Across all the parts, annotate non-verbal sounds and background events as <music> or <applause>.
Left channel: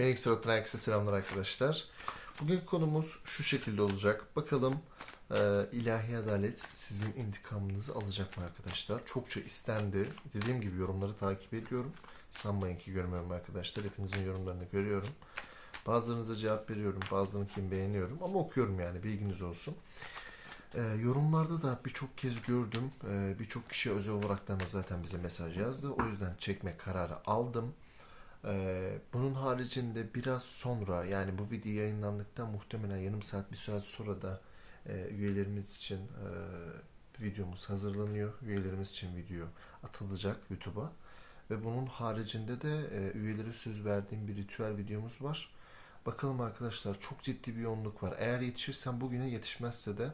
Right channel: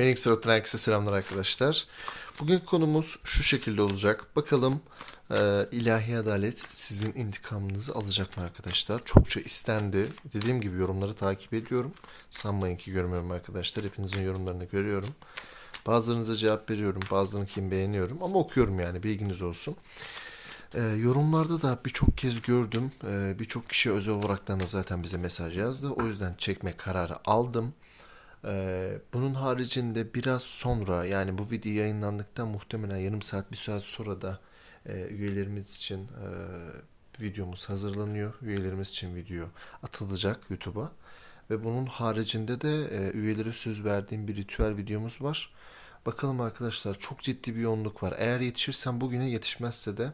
Phoenix Road'dan herkese selamlar arkadaşlar. Bugünkü konumuz şu şekilde olacak. Bakalım e, ilahi adalet sizin intikamınızı alacak mı arkadaşlar? Çokça istendi. Dediğim gibi yorumları takip ediyorum. Sanmayın ki görmüyorum arkadaşlar. Hepinizin yorumlarını görüyorum. Bazılarınıza cevap veriyorum. Bazılarınkini beğeniyorum. Ama okuyorum yani bilginiz olsun. E, yorumlarda da birçok kez gördüm. E, birçok kişi özel olaraktan da zaten bize mesaj yazdı. O yüzden çekme kararı aldım. Ee, bunun haricinde biraz sonra yani bu video yayınlandıktan muhtemelen yarım saat bir saat sonra da e, üyelerimiz için e, videomuz hazırlanıyor. Üyelerimiz için video atılacak YouTube'a. Ve bunun haricinde de e, üyelere söz verdiğim bir ritüel videomuz var. Bakalım arkadaşlar çok ciddi bir yoğunluk var. Eğer yetişirsem bugüne yetişmezse de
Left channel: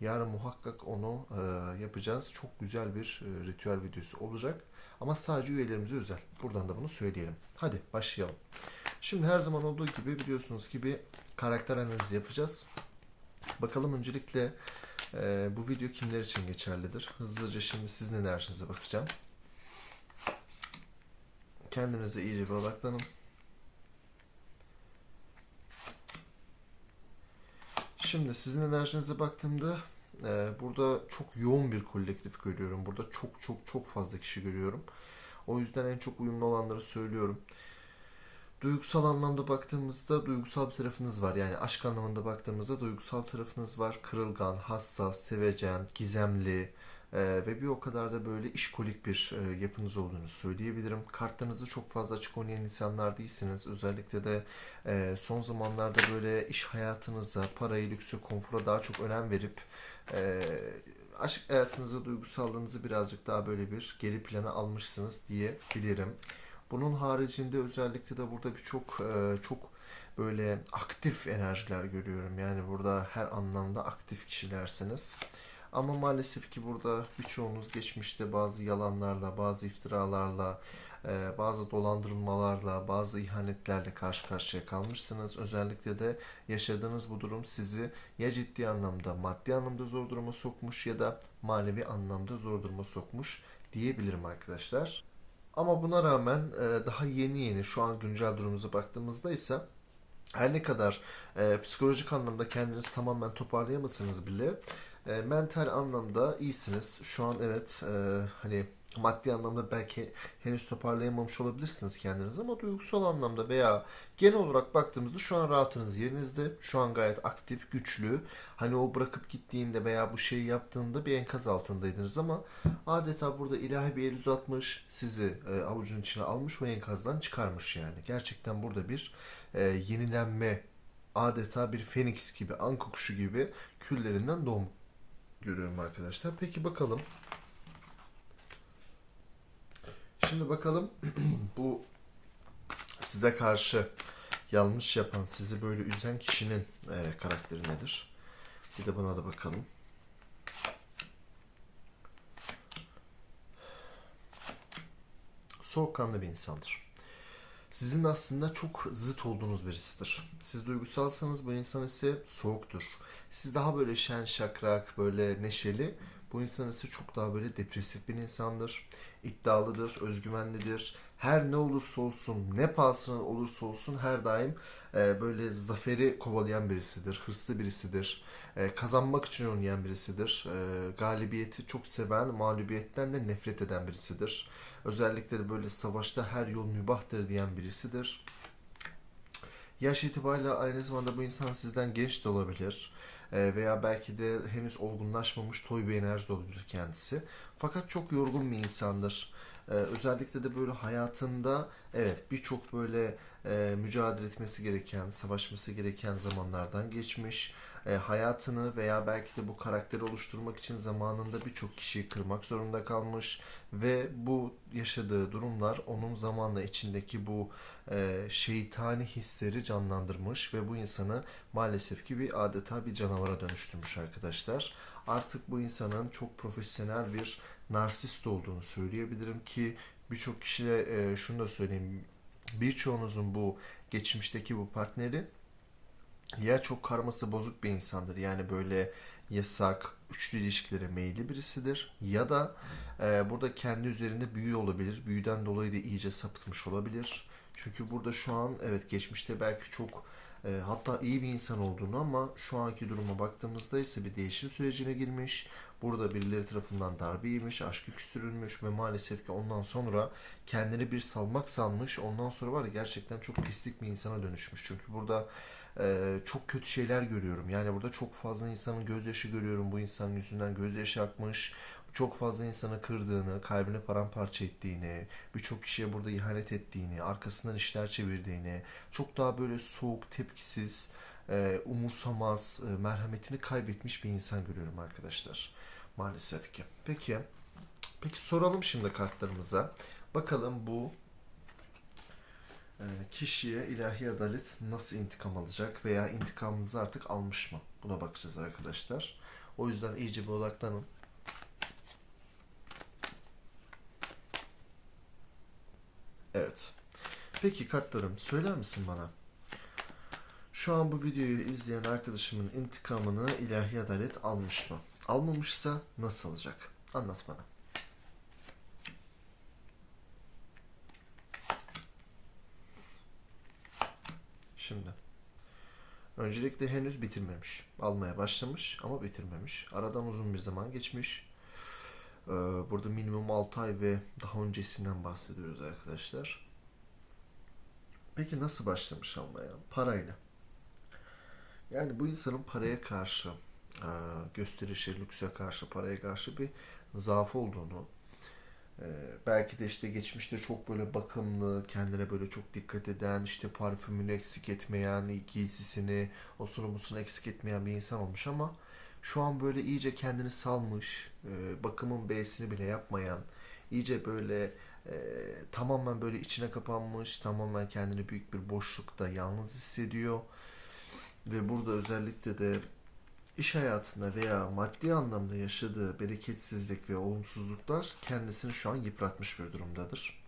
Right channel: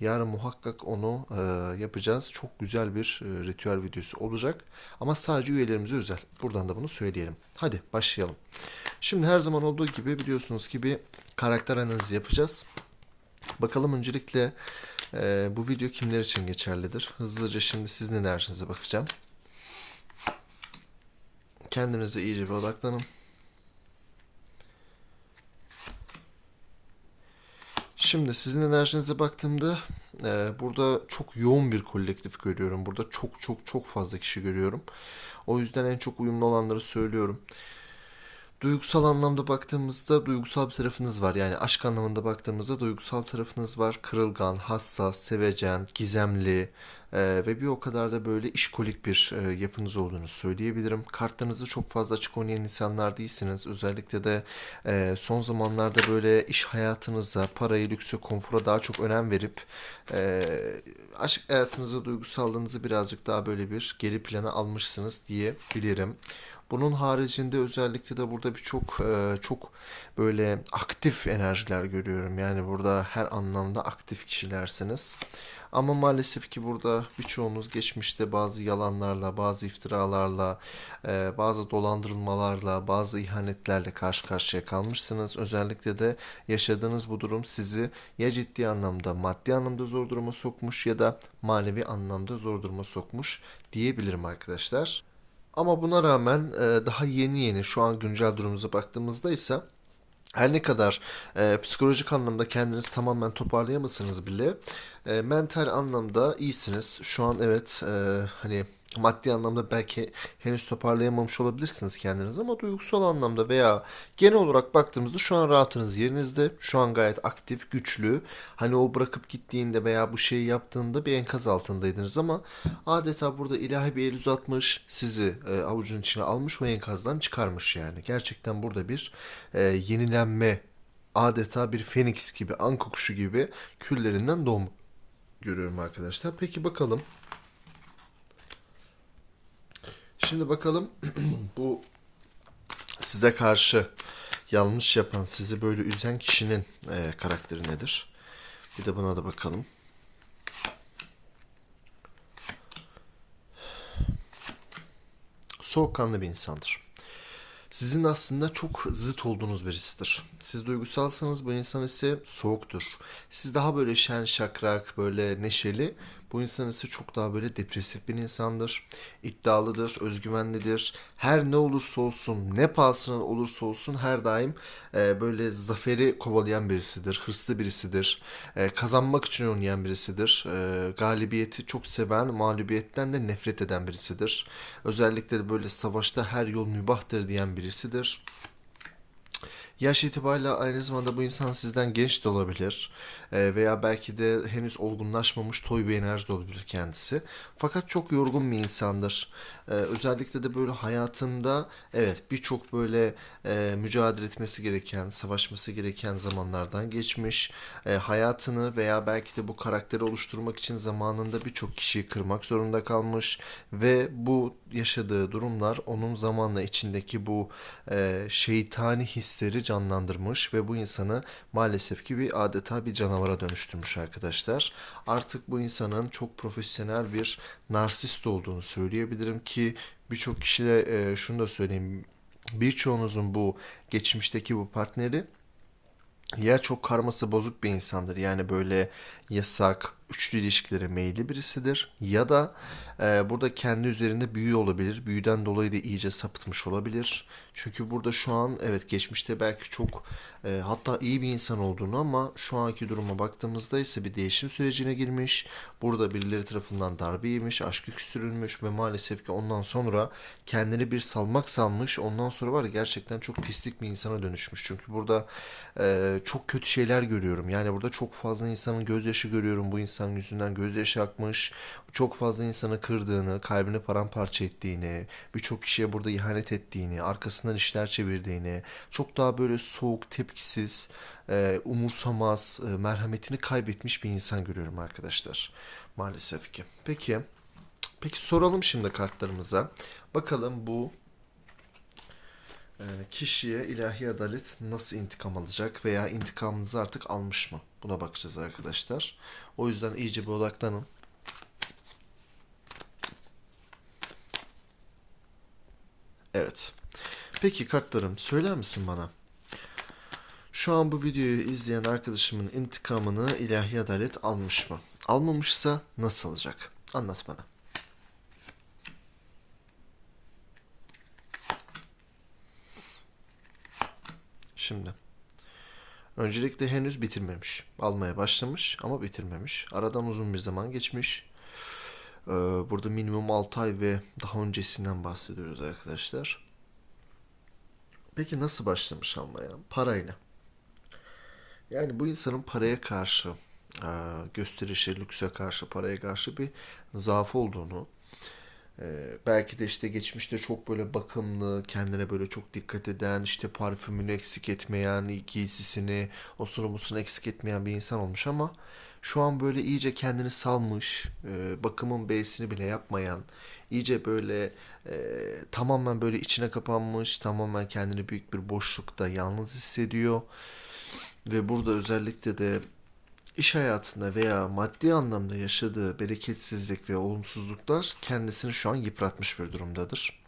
yarın muhakkak onu e, yapacağız. Çok güzel bir e, ritüel videosu olacak. Ama sadece üyelerimize özel. Buradan da bunu söyleyelim. Hadi başlayalım. Şimdi her zaman olduğu gibi biliyorsunuz ki bir karakter analizi yapacağız. Bakalım öncelikle e, bu video kimler için geçerlidir? Hızlıca şimdi sizin enerjinize bakacağım. Kendinize iyice bir odaklanın. Şimdi sizin enerjinize baktığımda e, burada çok yoğun bir kolektif görüyorum. Burada çok çok çok fazla kişi görüyorum. O yüzden en çok uyumlu olanları söylüyorum. Duygusal anlamda baktığımızda duygusal bir tarafınız var. Yani aşk anlamında baktığımızda duygusal tarafınız var. Kırılgan, hassas, sevecen, gizemli e, ve bir o kadar da böyle işkolik bir e, yapınız olduğunu söyleyebilirim. Kartlarınızı çok fazla açık oynayan insanlar değilsiniz. Özellikle de e, son zamanlarda böyle iş hayatınıza, parayı, lükse, konfora daha çok önem verip e, aşk hayatınızı, duygusallığınızı birazcık daha böyle bir geri plana almışsınız diyebilirim. Bunun haricinde özellikle de burada birçok e, çok böyle aktif enerjiler görüyorum. Yani burada her anlamda aktif kişilersiniz. Ama maalesef ki burada birçoğunuz geçmişte bazı yalanlarla, bazı iftiralarla, e, bazı dolandırılmalarla, bazı ihanetlerle karşı karşıya kalmışsınız. Özellikle de yaşadığınız bu durum sizi ya ciddi anlamda, maddi anlamda zor duruma sokmuş ya da manevi anlamda zor duruma sokmuş diyebilirim arkadaşlar. Ama buna rağmen e, daha yeni yeni şu an güncel durumumuza baktığımızda ise her ne kadar e, psikolojik anlamda kendinizi tamamen toparlayamasanız bile e, mental anlamda iyisiniz. Şu an evet e, hani maddi anlamda belki henüz toparlayamamış olabilirsiniz kendinizi ama duygusal anlamda veya genel olarak baktığımızda şu an rahatınız yerinizde. Şu an gayet aktif, güçlü. Hani o bırakıp gittiğinde veya bu şeyi yaptığında bir enkaz altındaydınız ama adeta burada ilahi bir el uzatmış, sizi e, avucun içine almış o enkazdan çıkarmış yani. Gerçekten burada bir e, yenilenme adeta bir feniks gibi, anka kuşu gibi küllerinden doğum görüyorum arkadaşlar. Peki bakalım Şimdi bakalım <clears throat> bu size karşı yanlış yapan, sizi böyle üzen kişinin e, karakteri nedir? Bir de buna da bakalım. Soğukkanlı bir insandır. Sizin aslında çok zıt olduğunuz birisidir. Siz duygusalsanız bu insan ise soğuktur. Siz daha böyle şen şakrak, böyle neşeli. Bu insan ise çok daha böyle depresif bir insandır. İddialıdır, özgüvenlidir. Her ne olursa olsun, ne pahasına olursa olsun her daim e, böyle zaferi kovalayan birisidir. Hırslı birisidir. E, kazanmak için oynayan birisidir. E, galibiyeti çok seven, mağlubiyetten de nefret eden birisidir. Özellikle böyle savaşta her yol mübahtır diyen birisidir. Yaş itibariyle aynı zamanda bu insan sizden genç de olabilir. Ee, veya belki de henüz olgunlaşmamış toy bir enerji olabilir kendisi. Fakat çok yorgun bir insandır. Ee, özellikle de böyle hayatında evet birçok böyle e, mücadele etmesi gereken, savaşması gereken zamanlardan geçmiş. E, hayatını veya belki de bu karakteri oluşturmak için zamanında birçok kişiyi kırmak zorunda kalmış ve bu yaşadığı durumlar onun zamanla içindeki bu e, şeytani hisleri canlandırmış ve bu insanı maalesef ki bir adeta bir canavara dönüştürmüş arkadaşlar. Artık bu insanın çok profesyonel bir narsist olduğunu söyleyebilirim ki birçok kişiyle e, şunu da söyleyeyim birçoğunuzun bu geçmişteki bu partneri ya çok karması bozuk bir insandır yani böyle yasak, üçlü ilişkilere meyilli birisidir ya da e, burada kendi üzerinde büyü olabilir. Büyüden dolayı da iyice sapıtmış olabilir. Çünkü burada şu an evet geçmişte belki çok e, hatta iyi bir insan olduğunu ama şu anki duruma baktığımızda ise bir değişim sürecine girmiş. Burada birileri tarafından darbe yemiş, aşkı küstürülmüş ve maalesef ki ondan sonra kendini bir salmak salmış. Ondan sonra var ya gerçekten çok pislik bir insana dönüşmüş. Çünkü burada e, çok kötü şeyler görüyorum. Yani burada çok fazla insanın gözyaşı görüyorum. Bu insanın yüzünden gözyaşı akmış. Çok fazla insanı kırdığını, kalbini paramparça ettiğini, birçok kişiye burada ihanet ettiğini, arkasından işler çevirdiğini, çok daha böyle soğuk, tepkisiz, e, umursamaz, e, merhametini kaybetmiş bir insan görüyorum arkadaşlar. Maalesef ki. Peki, peki soralım şimdi kartlarımıza. Bakalım bu e, kişiye ilahi adalet nasıl intikam alacak veya intikamınızı artık almış mı? Buna bakacağız arkadaşlar. O yüzden iyice bir odaklanın. Evet. Peki kartlarım söyler misin bana? Şu an bu videoyu izleyen arkadaşımın intikamını ilahi adalet almış mı? Almamışsa nasıl alacak? Anlat bana. Şimdi. Öncelikle henüz bitirmemiş. Almaya başlamış ama bitirmemiş. Aradan uzun bir zaman geçmiş. Ee, burada minimum 6 ay ve daha öncesinden bahsediyoruz arkadaşlar. Peki nasıl başlamış almaya? Parayla. Yani bu insanın paraya karşı, e, gösterişe, lükse karşı, paraya karşı bir zaafı olduğunu, e, belki de işte geçmişte çok böyle bakımlı, kendine böyle çok dikkat eden, işte parfümünü eksik etmeyen, giysisini, osunu busunu eksik etmeyen bir insan olmuş ama şu an böyle iyice kendini salmış, e, bakımın B'sini bile yapmayan, iyice böyle e, tamamen böyle içine kapanmış, tamamen kendini büyük bir boşlukta yalnız hissediyor. Ve burada özellikle de iş hayatında veya maddi anlamda yaşadığı bereketsizlik ve olumsuzluklar kendisini şu an yıpratmış bir durumdadır.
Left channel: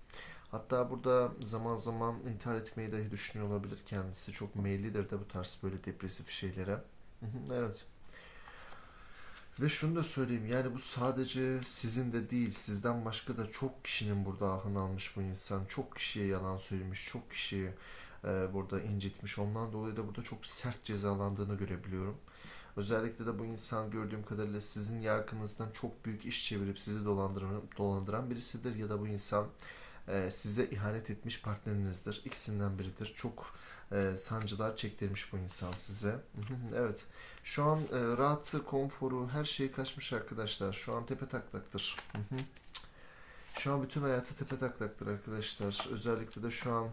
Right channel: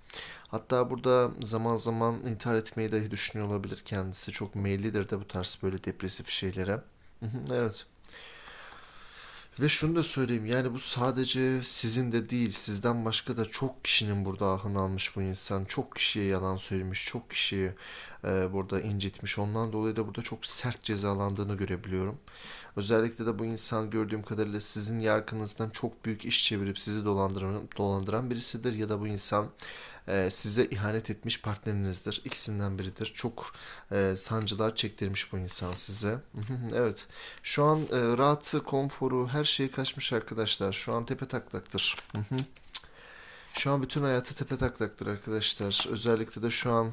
Hatta burada zaman zaman intihar etmeyi dahi düşünüyor olabilir kendisi. Çok meyillidir de bu tarz böyle depresif şeylere. Evet. Ve şunu da söyleyeyim yani bu sadece sizin de değil sizden başka da çok kişinin burada ahını almış bu insan. Çok kişiye yalan söylemiş, çok kişiyi e, burada incitmiş. Ondan dolayı da burada çok sert cezalandığını görebiliyorum. Özellikle de bu insan gördüğüm kadarıyla sizin yargınızdan çok büyük iş çevirip sizi dolandıran, dolandıran birisidir. Ya da bu insan e, size ihanet etmiş partnerinizdir. İkisinden biridir. Çok e, sancılar çektirmiş bu insan size. <laughs> Evet. Şu an e, rahatı, konforu, her şeyi kaçmış arkadaşlar. Şu an tepe taklaktır. <laughs> Şu an bütün hayatı tepe taklaktır arkadaşlar. Özellikle de şu an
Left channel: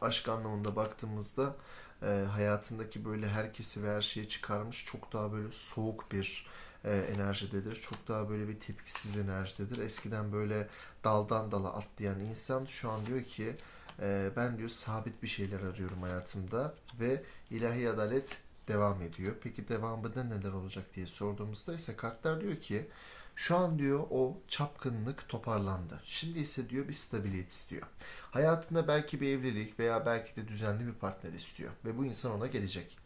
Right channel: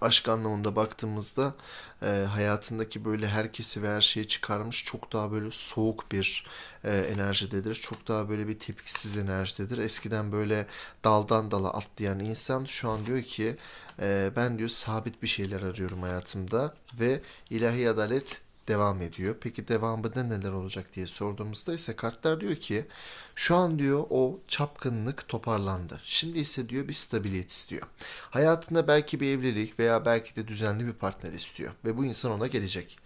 aşk anlamında baktığımızda e, hayatındaki böyle herkesi ve her şeyi çıkarmış çok daha böyle soğuk bir e, enerjidedir. Çok daha böyle bir tepkisiz enerjidedir. Eskiden böyle daldan dala atlayan insan şu an diyor ki e, ben diyor sabit bir şeyler arıyorum hayatımda ve ilahi adalet devam ediyor. Peki devamında neler olacak diye sorduğumuzda ise kartlar diyor ki şu an diyor o çapkınlık toparlandı. Şimdi ise diyor bir stabiliyet istiyor. Hayatında belki bir evlilik veya belki de düzenli bir partner istiyor ve bu insan ona gelecek.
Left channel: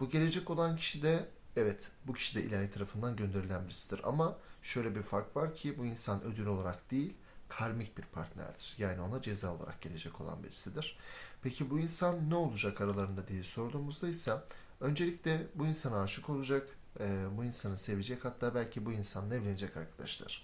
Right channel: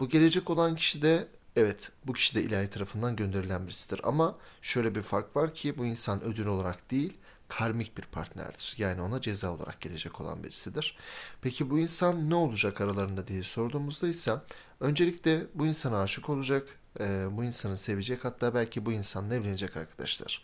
Bu gelecek olan kişi de evet bu kişi de ilahi tarafından gönderilen birisidir ama şöyle bir fark var ki bu insan ödül olarak değil karmik bir partnerdir. Yani ona ceza olarak gelecek olan birisidir. Peki bu insan ne olacak aralarında diye sorduğumuzda ise öncelikle bu insana aşık olacak, e, bu insanı sevecek hatta belki bu insanla evlenecek arkadaşlar.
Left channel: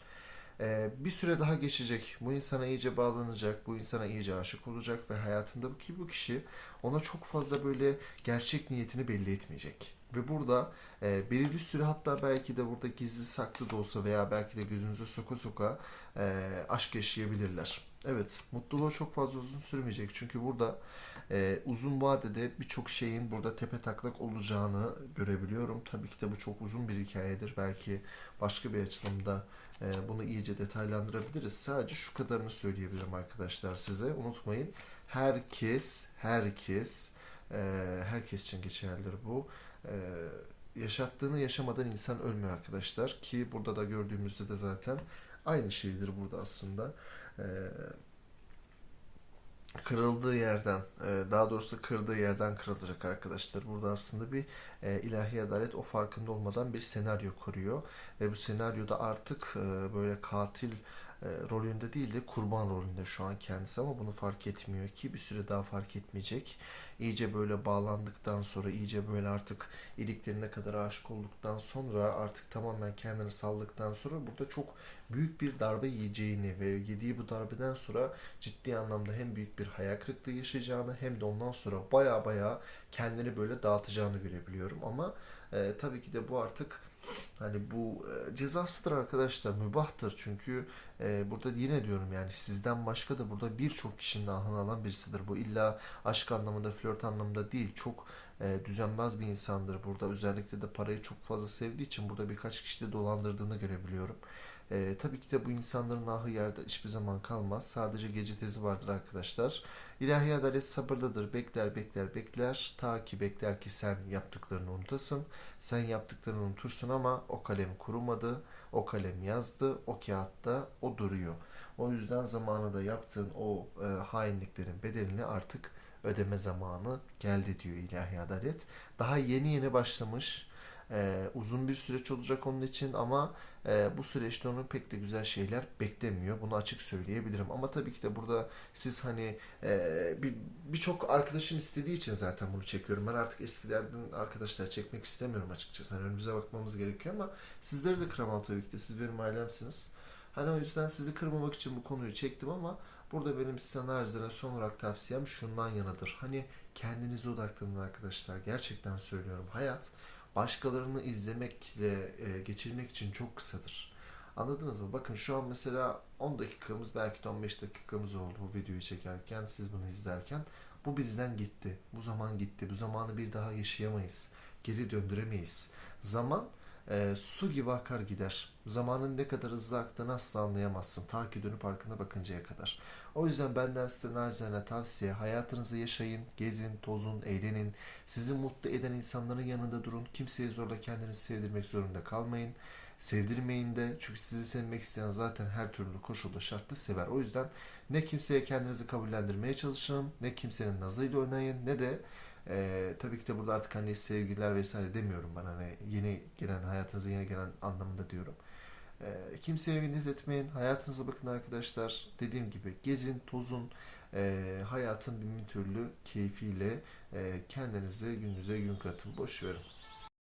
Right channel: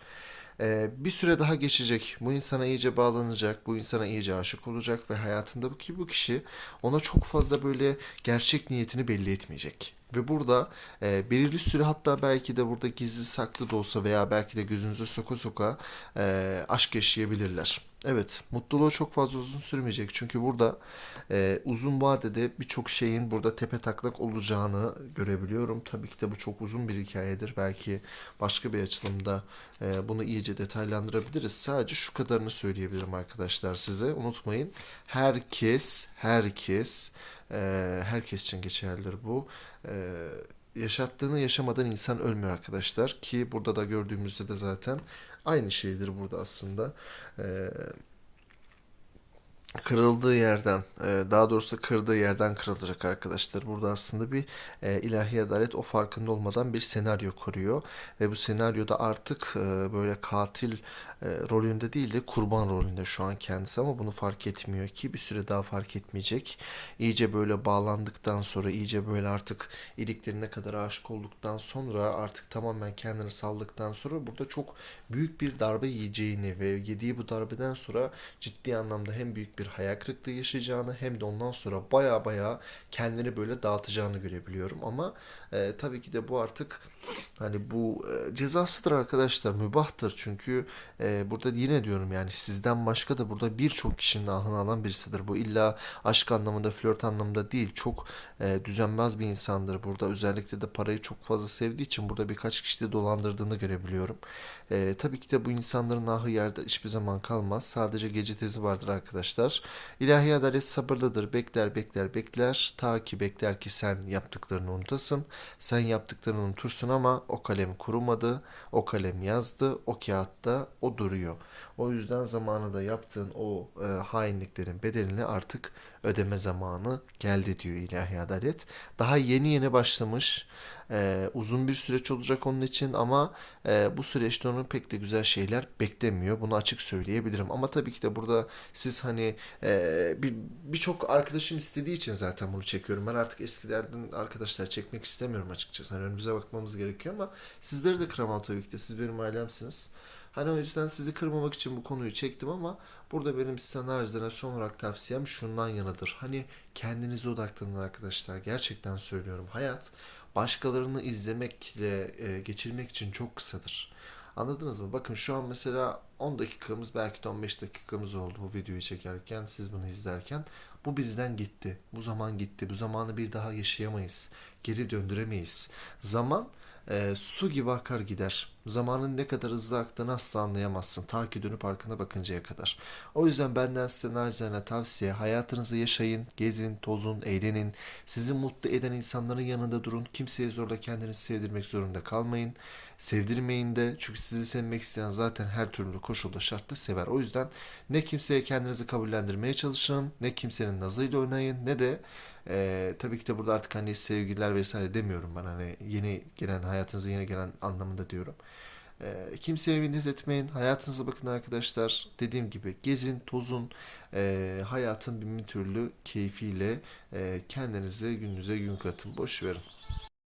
E, bir süre daha geçecek, bu insana iyice bağlanacak, bu insana iyice aşık olacak ve hayatında ki bu kişi ona çok fazla böyle gerçek niyetini belli etmeyecek. Ve burada e, belirli süre hatta belki de burada gizli saklı da olsa veya belki de gözünüze soka soka e, aşk yaşayabilirler. Evet, mutluluğu çok fazla uzun sürmeyecek. Çünkü burada e, uzun vadede birçok şeyin burada tepe taklak olacağını görebiliyorum. Tabii ki de bu çok uzun bir hikayedir. Belki başka bir açılımda e, bunu iyice detaylandırabiliriz. Sadece şu kadarını söyleyebilirim arkadaşlar size. Unutmayın, herkes, herkes, e, herkes için geçerlidir bu. E, yaşattığını yaşamadan insan ölmüyor arkadaşlar. Ki burada da gördüğümüzde de zaten aynı şeydir burada aslında. Ee, kırıldığı yerden, e, daha doğrusu kırdığı yerden kırılacak arkadaşlar. Burada aslında bir e, ilahi adalet o farkında olmadan bir senaryo kuruyor ve bu senaryoda artık e, böyle katil e, rolünde değil de kurban rolünde şu an kendisi ama bunu fark etmiyor ki bir süre daha fark etmeyecek. İyice böyle bağlandıktan sonra, iyice böyle artık iliklerine kadar aşık olduktan sonra artık tamamen kendini saldıktan sonra burada çok büyük bir darbe yiyeceğini ve yediği bu darbeden sonra ciddi anlamda hem büyük bir hayal kırıklığı yaşayacağını hem de ondan sonra baya baya kendini böyle dağıtacağını görebiliyorum. Ama e, tabii ki de bu artık hani bu e, cezasıdır arkadaşlar mübahtır çünkü e, burada yine diyorum yani sizden başka da burada birçok kişinin ahını alan birisidir. Bu illa aşk anlamında flört anlamında değil çok e, düzenbaz bir insandır. Burada özellikle de parayı çok fazla sevdiği için burada birkaç kişi de dolandırdığını görebiliyorum. E, tabii ki de bu insanların ahı yerde hiçbir zaman kalmaz. Sadece gece tezi vardır arkadaşlar. İlahi adalet sabırlıdır. Bekler bekler bekler. Ta ki bekler ki sen yaptıklarını unutasın. Sen yaptıklarını unutursun ama o kalem kurumadı. O kalem yazdı. O kağıtta o duruyor. O yüzden zamanında yaptığın o e, hainliklerin bedelini artık ödeme zamanı geldi diyor ilahi adalet. Daha yeni yeni başlamış. E, uzun bir süreç olacak onun için ama e, bu süreçte onun pek de güzel şeyler beklemiyor. Bunu açık söyleyebilirim. Ama tabii ki de burada siz hani e, bir birçok arkadaşım istediği için zaten bunu çekiyorum. Ben artık eskilerden arkadaşlar çekmek istemiyorum açıkçası. Hani önümüze bakmamız gerekiyor ama sizleri de kıramam tabii ki de. Siz benim ailemsiniz. Hani o yüzden sizi kırmamak için bu konuyu çektim ama burada benim size naçizane son olarak tavsiyem şundan yanadır. Hani kendinize odaklanın arkadaşlar. Gerçekten söylüyorum. Hayat başkalarını izlemekle e, geçirmek için çok kısadır. Anladınız mı? Bakın şu an mesela 10 dakikamız belki de 15 dakikamız oldu bu videoyu çekerken, siz bunu izlerken. Bu bizden gitti. Bu zaman gitti. Bu zamanı bir daha yaşayamayız. Geri döndüremeyiz. Zaman e, su gibi akar gider. Zamanın ne kadar hızlı aktığını asla anlayamazsın. Ta ki dönüp arkana bakıncaya kadar. O yüzden benden size nacizane tavsiye hayatınızı yaşayın, gezin, tozun, eğlenin. Sizi mutlu eden insanların yanında durun. Kimseye zorla kendinizi sevdirmek zorunda kalmayın. Sevdirmeyin de çünkü sizi sevmek isteyen zaten her türlü koşulda şartta sever. O yüzden ne kimseye kendinizi kabullendirmeye çalışın, ne kimsenin nazıyla oynayın, ne de ee, tabii ki de burada artık hani sevgililer vesaire demiyorum ben hani yeni gelen hayatınıza yeni gelen anlamında diyorum. Ee, kimseye minnet etmeyin. Hayatınıza bakın arkadaşlar. Dediğim gibi gezin, tozun, ee, hayatın bin türlü keyfiyle ee, kendinize gününüze gün katın. Boş verin.